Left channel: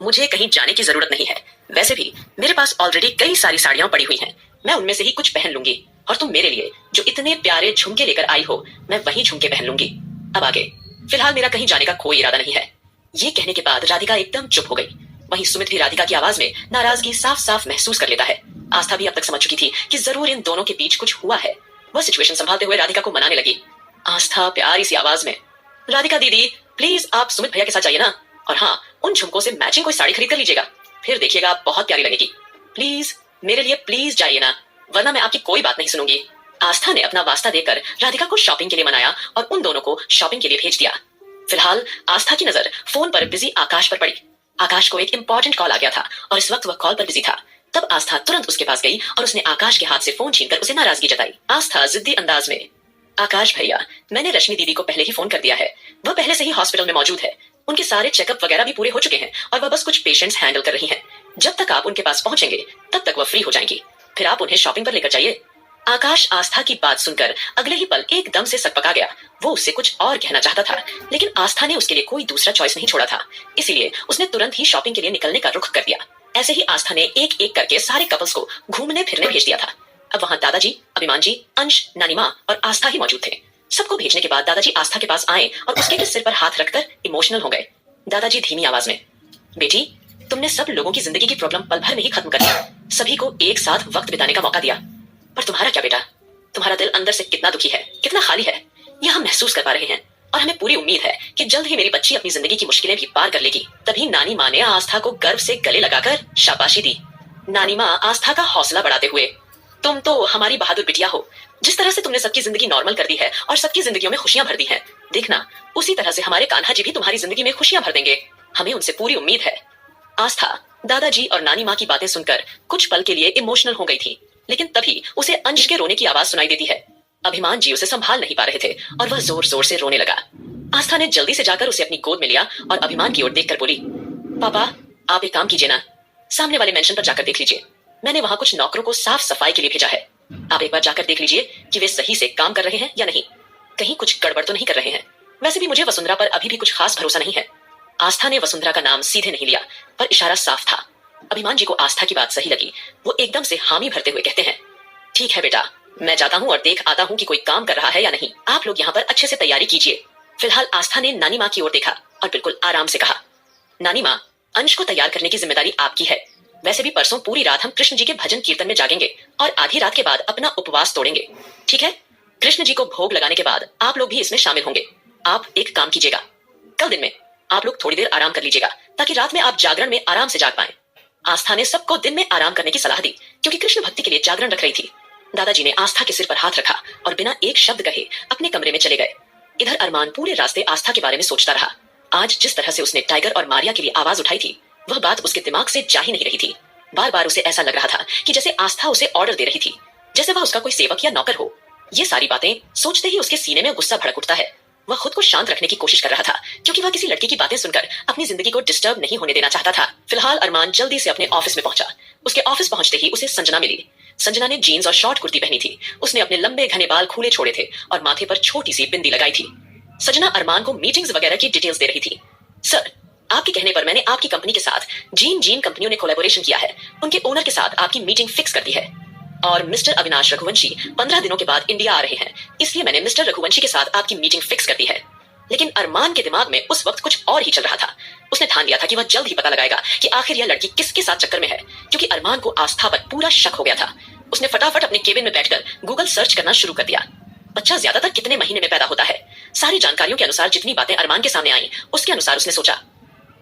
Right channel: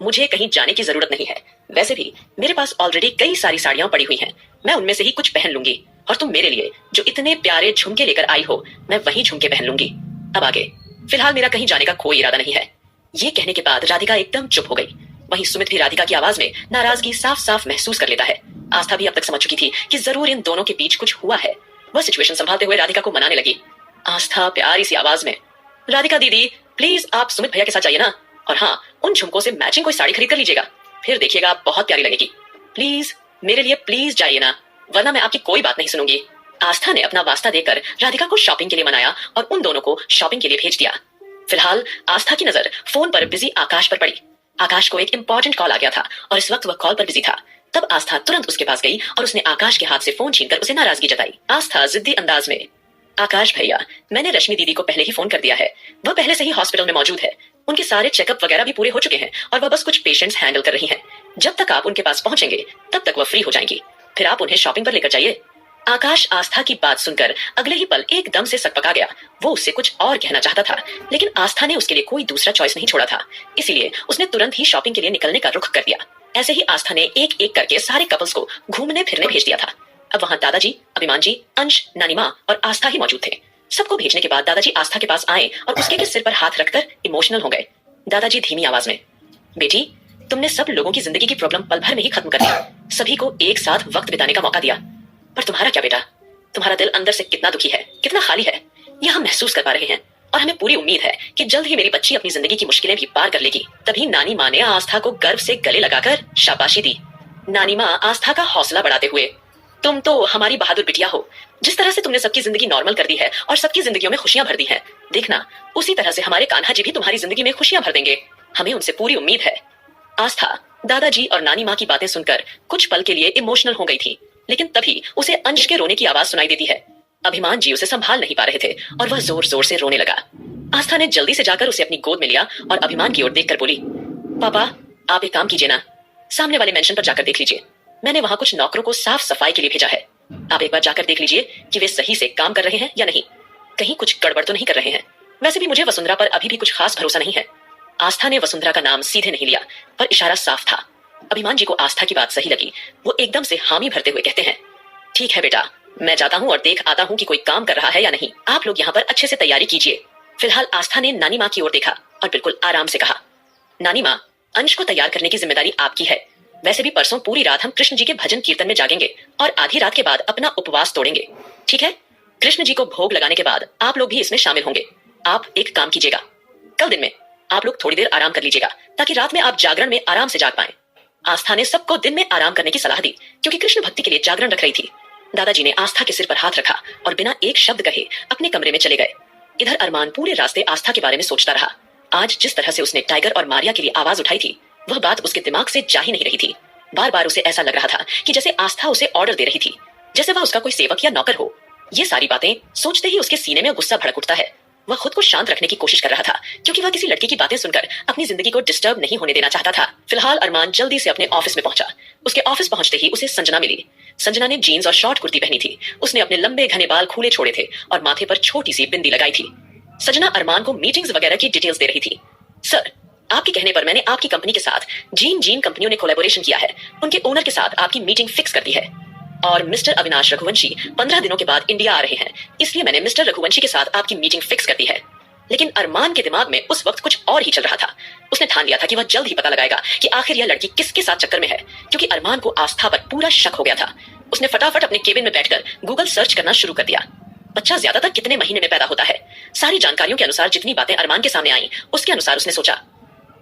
मुझे कहीं जाने की जरूरत नहीं है। वैसे भी मेरे पास ऑलरेडी कई सारी साड़ियां पड़ी हुई हैं। मैं उनमें से ही कुछ पहन लूंगी और तुम मेरे लिए जो इतने प्यारे झुमके लेकर आई हो, मैं वही झुमके पहन लूंगी। अब आगे फिलहाल मेरा कहीं जाने का कोई इरादा नहीं है। ये कहने के बाद राधिका एकदम चुप हो गई। वहीं सुमित भी राधिका की आवाज में नाराजगी साफ साफ महसूस कर लेता है। आस्था भी अब तक समझ चुकी थी कि जरूर इन दोनों के बीच कुछ हुआ है। वह सिचुएशन संभालते हुए राधिका को मनाने लगी। आस्था प्यारी सी आवाज में, राधिका दीदी प्लीज आप सुमित भैया के साथ जाइए ना, और हाँ उन झुमकों से मैचिंग कोई साड़ी खरीद कर लीजिएगा, फिर देखिएगा आप बहुत प्यारी लगेगी। प्लीज मेरे लिए प्लीज जाइए ना, वरना मैं आपकी कोई बात नहीं सुनूंगी। आस्था ने अपना वास्ता देकर राधिका को शॉपिंग के लिए मनाया और उन दोनों को शॉपिंग के लिए भेज दिया। फिलहाल आस्था की नजर फोन पर बिजी आकाश पर पड़ी। आकाश को एक इंपॉर्टेंट कॉल आ गया था और इस वक्त वह कॉल पर बिजी था। तब आस्था तुरंत उसके पास गई और उसने आकाश के हाथ से फोन छीनकर उसे नाराजगी जताई। आस्था जिद्दी अंदाज में, आकाश भैया मैंने रश्मि दीदी को पहले ही फोन कर दिया है, वह पहले से ही हॉस्पिटल में मौजूद है, उनके सारे चेकअप वगैरह भी पूरे हो चुके हैं और वह बस कुछ पेशेंट्स हैंडल कर रही हैं। जब तक आप उनके पास पहुंचेंगे तब तक वह फ्री हो जाएंगी, फिर आप उन्हें शॉपिंग पर लेकर जाइए। आकाश आस्था की बात सुनकर अगले ही पल एकदम से सकपका गया। वो उससे कुछ और कहना चाहता था, लेकिन आस्था ने उसके लिए कोई दूसरा चॉइस नहीं छोड़ा था, इसीलिए उसने तुरंत ही शॉपिंग के लिए निकलने का रुख कर दिया। ऐसे ही आस्था ने एक एक करके सारे कपल्स को घूमने फिरने भेज दिया था। अब वहां दादाजी, अभिमान जी, अंश, नानी माँ और आस्था ही मौजूद थे। सबको भेजने के बाद दादाजी आस्था के पास आए और उसके सिर पर हाथ रखकर इमोशनल हो गए। दादाजी धीमी आवाज में, बेटी तुमने सब लोगों की जिंदगी की प्रॉब्लम पल भर में ही खत्म कर दी, सभी को एक साथ वक्त बिताने का मौका दिया, पर तुम्हारा क्या बेटा, तुम्हारा दिल अंदर से कितना दुखी है, कितना खाली है, यह हम महसूस कर पा रहे हैं और हमें पूरी उम्मीद है कि जल्द ही मेरी बच्ची अपनी जिंदगी की मुश्किलें भी पार कर लेगी। तभी नानी माँ ने आस्था को गर्व से गले लगाकर शाबाशी दी। नानी माँ आस्था का हौसला बढ़ाते हुए, तुम तो हमारी बहादुर बिटिया हो, जिस तरह से तुमने सबकी जिंदगी नॉर्मल कर दी है और सबकी जिंदगियों में खुशियां भर दी हैं, देखना उसी तरह से हमारे कान्हा जी भी तुम्हारी जिंदगी में खुशियां भर देंगे, हमें उनसे पूरी उम्मीद है। आस्था दादाजी और नानी माँ की बातें सुनकर कुछ पल के लिए इमोशनल हो गई थी, लेकिन तभी उसे अंश के रोने की आवाज सुनाई देती है। अभिमान जी उसे संभाल नहीं पा रहे थे और वह जोर जोर से रोने लगा। आस्था ने जल्दी से जाकर उसे अपनी गोद में लिया और अभिमान की ओर देखकर बोली, पापा आप एक काम कीजिए ना, सामने वाले मेंशन पर जाकर देख लीजिए, मैंने वहां कुछ नौकरों को साफ सफाई के लिए भेजा है, आप एक बार जाकर देख लीजिए कि वे सही से काम कर रहे हैं या नहीं, कहीं कुछ गड़बड़ तो नहीं कर रहे हैं। वैसे भी मुझे वसुंधरा पर अभी भी कुछ खास भरोसा नहीं है। आस्था ने वसुंधरा का नाम सीधे नहीं लिया, पर इशारा साफ था। अभिमान जी को आस्था की बात सही लगी, वो एकदम से हामी भरते हुए कहते हैं, ठीक है बेटा, मैं जाता हूँ और देख आता हूँ कि कोई काम कर रहा है या नहीं, आप लोग यहाँ पर अच्छे से तैयारी कीजिए। फिलहाल आस्था ने नानी माँ की ओर देखा और बिल्कुल आराम से कहा, नानी माँ अंश को तैयार करने की जिम्मेदारी आपकी है, वैसे भी परसों पूरी रात हम कृष्ण जी के भजन कीर्तन में जागेंगे और आधी रात के बाद अपना उपवास तोड़ेंगे, ठीक है? कृष्ण जी को भोग लगाने के बाद आप लोग भी इसमें शामिल होंगे। आप एक काम कीजिएगा, कल दिन में आप लोग थोड़ी देर आराम कर लीजिएगा ताकि रात में आप जागरण में आराम से जाग पाएं। आस्था ने सबको दिन में आराम करने की सलाह दी क्योंकि कृष्ण भक्ति के लिए जागरण रख रही थी। दादाजी ने आस्था के सिर पर हाथ रखा और बिना एक शब्द कहे अपने कमरे में चले गए। इधर अरमान पूरे रास्ते आस्था के बारे में सोचता रहा। आज जिस तरह से उसने टाइगर और मारिया के लिए आवाज उठाई थी, वह बात उसके दिमाग से जा ही नहीं रही थी। बार बार उसे ऐसा लग रहा था कि जैसे आस्था उसे ऑर्डर दे रही थी, जैसे वह उसका कोई सेवक या नौकर हो। ये सारी बातें सोचते ही उसके सीने में गुस्सा भड़क उठता है। वह खुद को शांत रखने की कोशिश कर रहा था क्योंकि वह किसी लड़की की बातें सुनकर अपनी जिंदगी को डिस्टर्ब नहीं होने देना चाहता था। फिलहाल अरमान जल्दी से अपने ऑफिस में पहुंचा। उसके ऑफिस पहुंचते ही उसे संजना मिली। संजना ने जीन्स और शॉर्ट कुर्ती पहनी थी। उसने अपने लंबे घने बाल खुले छोड़े थे और माथे पर छोटी सी बिंदी लगाई थी। संजना अरमान को मीटिंग्स वगैरह की डिटेल्स दे रही थी। सर, आपके कहने पर मैंने आपकी कंपनी के साथ जीन जीन कंपनियों ने कोलैबोरेशन किया है, उनके ओनर के साथ आपकी मीटिंग फिक्स कर दी है और मिस्टर अविनाश रघुवंशी 15 दिनों के बाद इंडिया आ रहे हैं, इसलिए मैंने मिस्टर रघुवंशी के साथ आपकी मीटिंग फिक्स कर दी है। लेकिन अरमान के दिमाग में उस वक्त कुछ और ही चल रहा था। उसने ठान लिया था कि वह जल्द ही पता लगाएगा कि आखिर यह लड़की किसके साथ चक्कर में है, क्योंकि अरमान को आस्था पर पूरा शक हो गया था। उसने फटाफट अपने केबिन में बैठकर गूगल सर्च करना शुरू कर दिया। बच्चा ज्यादातर कितने महीने में पैदा होता है, सारी जानकारियों के अनुसार जितनी बातें अरमान के सामने आई, उसके अनुसार उसने सोचा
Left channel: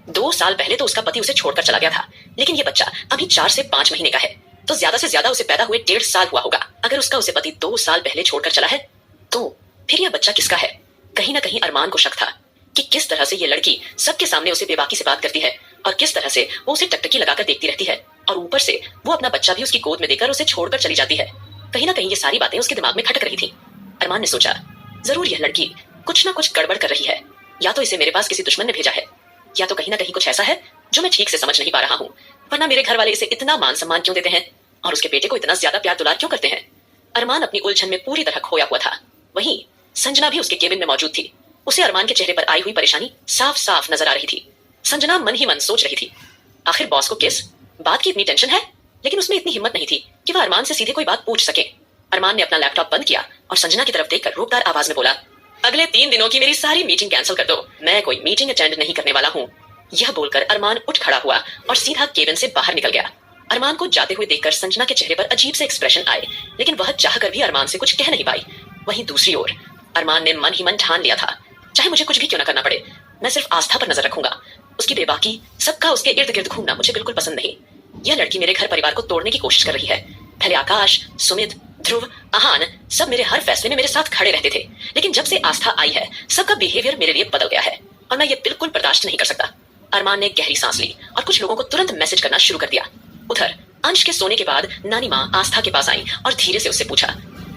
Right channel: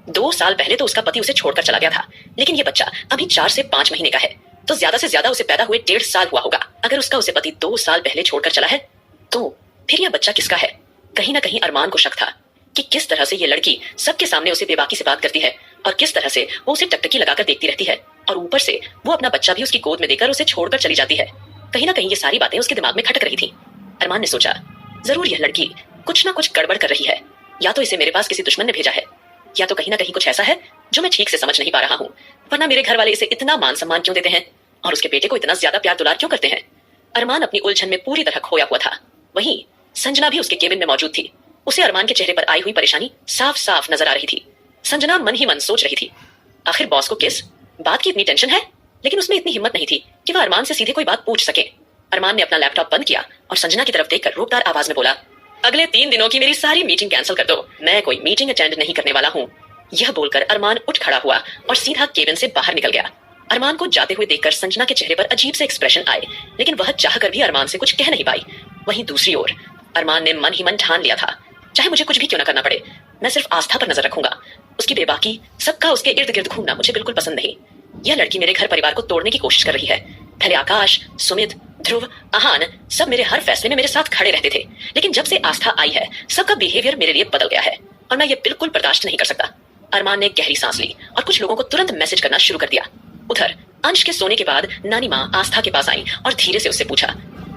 2 साल पहले तो उसका पति उसे छोड़कर चला गया था, लेकिन यह बच्चा अभी 4 से 5 महीने का है, तो ज्यादा से ज्यादा उसे पैदा हुए 1.5 साल हुआ होगा। अगर उसका उसे पति 2 साल पहले छोड़कर चला है, तो फिर यह बच्चा किसका है? कहीं ना कहीं अरमान को शक था कि किस तरह से ये लड़की सबके सामने उसे बेबाकी से बात करती है और किस तरह से वो उसे टकटकी लगाकर देखती रहती है, और ऊपर से वो अपना बच्चा भी उसकी गोद में देकर उसे छोड़कर चली जाती है। कहीं ना कहीं ये सारी बातें उसके दिमाग में खटक रही थी। अरमान ने सोचा, जरूर यह लड़की कुछ ना कुछ गड़बड़ कर रही है, या तो इसे मेरे पास किसी दुश्मन ने भेजा है, या तो कहीं ना कहीं कुछ ऐसा है जो मैं ठीक से समझ नहीं पा रहा हूँ, वरना मेरे घर वाले इसे इतना मान सम्मान क्यों देते हैं और उसके बेटे को इतना ज्यादा प्यार दुलार क्यों करते हैं। अरमान अपनी उलझन में पूरी तरह खोया हुआ था। वहीं संजना भी उसके केबिन में मौजूद थी। उसे अरमान के चेहरे पर आई हुई परेशानी साफ साफ नजर आ रही थी। संजना मन ही मन सोच रही थी, आखिर बॉस को किस बात की इतनी टेंशन है? लेकिन उसमें इतनी हिम्मत नहीं थी कि वह अरमान से सीधे कोई बात पूछ सके। अरमान ने अपना लैपटॉप बंद किया और संजना की तरफ देखकर रोकदार आवाज में बोला, अगले 3 दिनों की मेरी सारी मीटिंग कैंसिल कर दो, मैं कोई मीटिंग अटेंड नहीं करने वाला हूँ। यह बोलकर अरमान उठ खड़ा हुआ और सीधा केबिन से बाहर निकल गया। अरमान को जाते हुए देखकर संजना के चेहरे पर अजीब से एक्सप्रेशन आए, लेकिन वह चाहकर भी अरमान से कुछ कह नहीं पाई। वहीं दूसरी ओर अरमान ने मन ही मन ठान लिया था, चाहे मुझे कुछ भी क्यों न करना पड़े, मैं सिर्फ आस्था पर नजर रखूंगा। उसकी बेबाकी, सबका उसके इर्द गिर्द घूमना मुझे बिल्कुल पसंद नहीं। यह लड़की मेरे घर परिवार को तोड़ने की कोशिश कर रही है। पहले आकाश, सुमित, ध्रुव, आहान सब मेरे हर फैसले में मेरे साथ खड़े रहते थे, लेकिन जब से आस्था आई है सबका बिहेवियर मेरे लिए बदल गया है और मैं ये बिल्कुल बर्दाश्त नहीं कर सकता। अरमान ने गहरी सांस ली और कुछ लोगों को तुरंत मैसेज करना शुरू कर दिया। उधर अंश के सोने के बाद नानी माँ आस्था के पास आई और धीरे से उससे पूछा,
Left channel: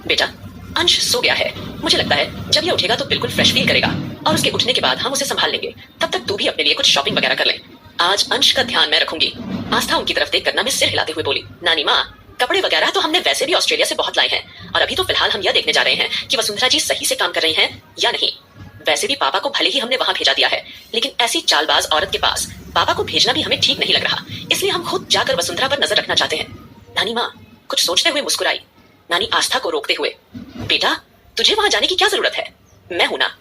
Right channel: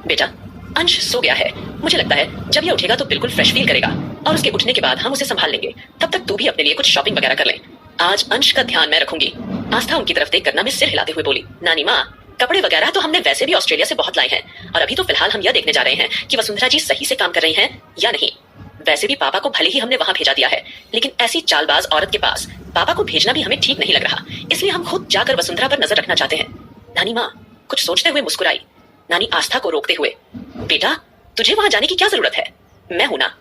बेटा अंश सो गया है, मुझे लगता है जब ये उठेगा तो बिल्कुल फ्रेश फील करेगा और उसके उठने के बाद हम उसे संभाल लेंगे। तब तक तू भी अपने लिए कुछ शॉपिंग वगैरह कर ले। आज अंश का ध्यान मैं रखूंगी। आस्था उनकी तरफ देखकर में सिर हिलाते हुए बोली, नानी माँ कपड़े वगैरह तो हमने वैसे भी ऑस्ट्रेलिया से बहुत लाए हैं और अभी तो फिलहाल हम यह देखने जा रहे हैं कि वसुंधरा जी सही से काम कर रही हैं या नहीं। वैसे भी पापा को भले ही हमने वहां भेजा दिया है, लेकिन ऐसी चालबाज औरत के पास पापा को भेजना भी हमें ठीक नहीं लग रहा, इसलिए हम खुद जाकर वसुंधरा पर नजर रखना चाहते हैं। नानी माँ कुछ सोचते हुए मुस्कुराई। नानी आस्था को रोकते हुए, बेटा तुझे वहां जाने की क्या जरूरत है, मैं हूं ना।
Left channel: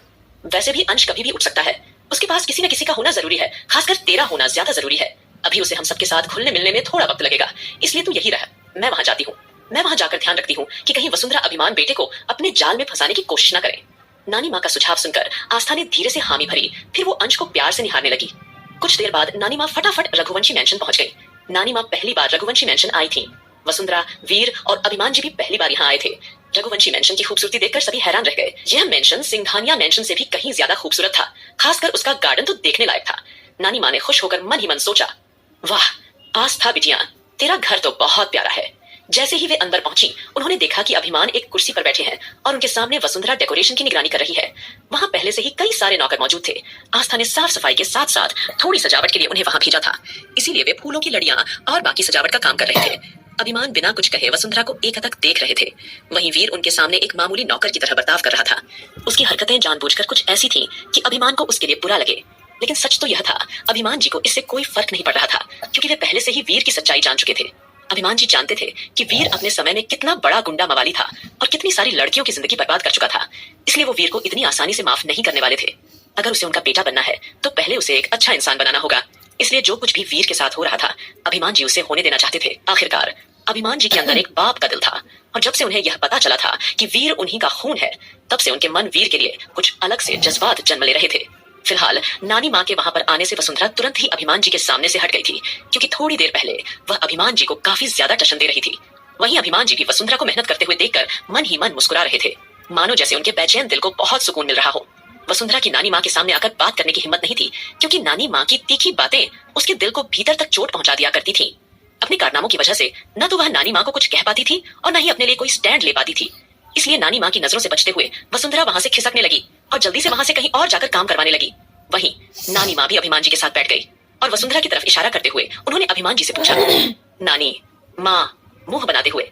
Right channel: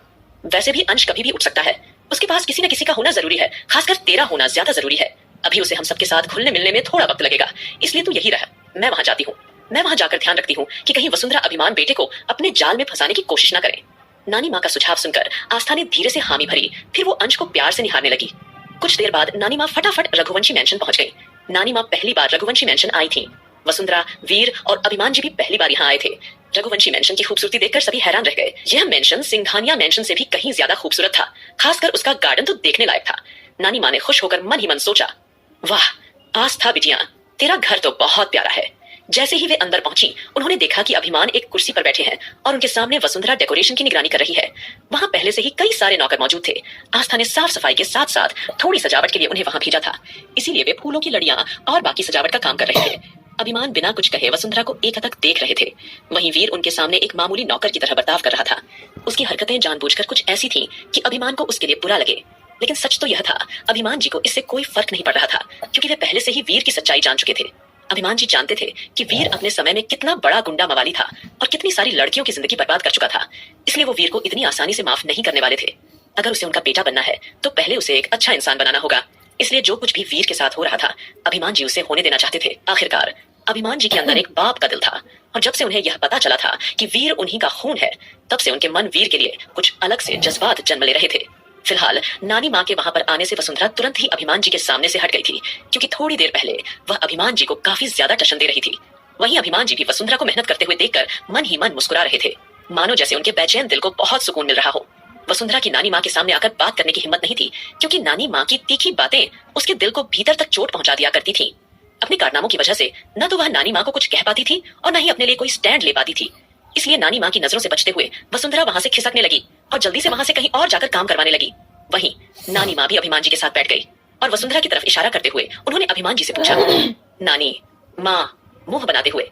वैसे भी अंश कभी भी उठ सकता है, उसके पास किसी न किसी का होना जरूरी है, खासकर तेरा होना ज्यादा जरूरी है। अभी उसे हम सबके साथ घुलने मिलने में थोड़ा वक्त लगेगा, इसलिए तू यही रह, मैं वहां जाती हूँ। मैं वहां जाकर ध्यान रखती हूँ कि कहीं वसुंधरा अभिमान बेटे को अपने जाल में फंसाने की कोशिश न करे। नानी माँ का सुझाव सुनकर आस्था ने धीरे से हामी भरी, फिर वो अंश को प्यार से निहारने लगी। कुछ देर बाद नानी माँ फटाफट रघुवंशी मैंशन पहुंच गई। नानी माँ पहली बार रघुवंशी मैंशन आई थी। वसुंधरा, वीर और अभिमान जी भी पहली बार यहाँ आए थे। रघुवंशी मैंशन की खूबसूरती देखकर सभी हैरान रह गए। यह मैंशन सिंघानिया मैंशन से भी कहीं ज्यादा खूबसूरत था, खासकर उसका गार्डन तो देखने लायक था। नानी माँ ने खुश होकर मन ही मन सोचा, वाह आस्था बिटिया, तेरा घर तो बहुत प्यारा है। जैसे ही वे अंदर पहुंची, उन्होंने देखा कि अभिमान एक कुर्सी पर बैठे हैं और उनके सामने वसुंधरा डेकोरेशन की निगरानी कर रही है। वहां पहले से ही कई सारे नौकर मौजूद थे। आस्था ने साफ सफाई के साथ साथ थोड़ी सजावट के लिए उन्हें वहां भेजा था, इसीलिए वे फूलों की लड़ियां और बाकी सजावट का काम कर रहे थे। अभिमान बिना कुछ कहे वसुंधरा को एक हद तक देख रहे थे। वहीं वीर उनके सामने एक मामूली नौकर की तरह बर्ताव कर रहा था। उसकी हरकतें जानबूझकर कुछ ऐसी थीं कि अभिमान को उसके लिए बुरा लगे, लेकिन सच तो यह था, अभिमान जी को इससे कोई फर्क नहीं पड़ रहा था, क्योंकि वे पहले से ही वीर की सच्चाई जान चुके थे। अभिमान जी जानते थे कि वीर अपने समय में कितना बड़ा गुंडा मवाली था और कितनी सारी लड़कियों की जिंदगी बर्बाद कर चुका था, इसलिए वो वीर को इतनी आसानी से माफ नहीं करने वाले थे। अगर उसे उनका बेटा बनना है तो पहले उसे एक अच्छा इंसान बनाना होगा, इसलिए जो कुछ भी वीर के साथ हो रहा था अभिमान जी उसे होने देना चाहते थे। आखिरकार अभिमान जी के अंदर एक बाप का दिल था और जब से उन्हें यह पता चला था कि वीर उन्हीं का खून है, तब से उनके मन वीर के लिए कुछ अलग से जज्बात जन्म ले रहे थे। फिलहाल नानी माँ के वहां पर आने से वसुंधरा तुरंत ही अभिमान जी के सामने से हट गई थी, क्योंकि थोड़ी देर पहले वह अभिमान जी को काफी ज्यादा टशन दे रही थी। वहीं अभिमान जी भी वसुंधरा को मेहनत करते हुए देखकर मन ही मन मुस्कुरा रहे थे, मानो जैसे उनके बेचैन दिल को बहुत सुकून मिल रहा हो। वसुंधरा की नानी माँ के सामने आकर बात करने की हिम्मत नहीं थी, क्योंकि नानी माँ की तीखी बातें उसके दिल को भीतर तक चोट पहुंचा दिया करती थी। अपने कारनामों की वजह से न तो वह नानी माँ को कुछ कह पाती थी और न ही अपने लिए कोई स्टैंड ले पाती थी, इसलिए नानी माँ की नजरों से बचते हुए वसुंधरा वहां से खिसकने लगी और जल्दी से वहां से कहीं और जाकर काम करवाने लगी। वहीं नानी माँ भी अभिमान जी के साथ बैठ गई और वसुंधरा की तरफ इशारा करते हुए उन्होंने अभिमान जी से पूछा, नानी माँ मुंह बनाते हुए,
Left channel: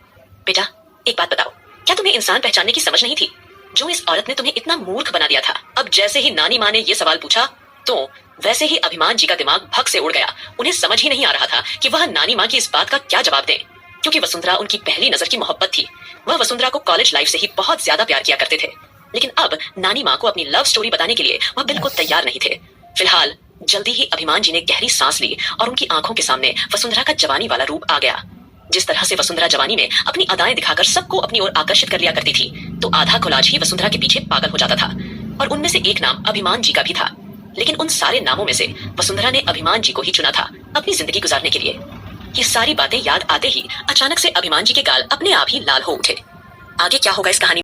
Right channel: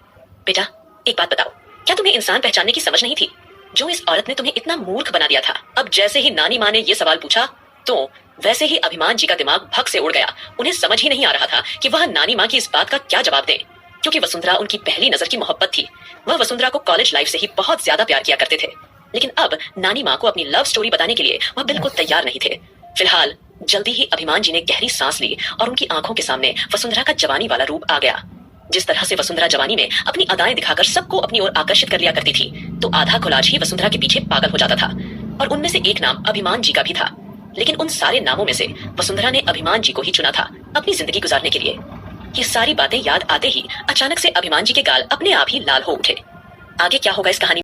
बेटा एक बात बताओ, क्या तुम्हें इंसान पहचानने की समझ नहीं थी? जो इस औरत ने तुम्हें इतना मूर्ख बना दिया था। अब जैसे ही नानी माँ ने यह सवाल पूछा तो वैसे ही अभिमान जी का दिमाग भग से उड़ गया। उन्हें समझ ही नहीं आ रहा था कि वह नानी माँ की इस बात का क्या जवाब दें, क्योंकि वसुंधरा उनकी पहली नजर की मोहब्बत थी। वह वसुंधरा को कॉलेज लाइफ से ही बहुत ज्यादा प्यार किया करते थे, लेकिन अब नानी माँ को अपनी लव स्टोरी बताने के लिए वह बिल्कुल तैयार नहीं थे। फिलहाल जल्दी ही अभिमान जी ने गहरी सांस ली और उनकी आंखों के सामने वसुंधरा का जवानी वाला रूप आ गया। जिस तरह से वसुंधरा जवानी में अपनी अदाएं दिखाकर सबको अपनी ओर आकर्षित कर लिया करती थी, तो आधा कोलाज ही वसुंधरा के पीछे पागल हो जाता था। और उनमें से एक नाम अभिमान जी का भी था, लेकिन उन सारे नामों में से वसुंधरा ने अभिमान जी को ही चुना था अपनी जिंदगी गुजारने के लिए। ये सारी बातें याद आते ही अचानक से अभिमान जी के गाल अपने आप ही लाल हो उठे। आगे क्या होगा इस कहानी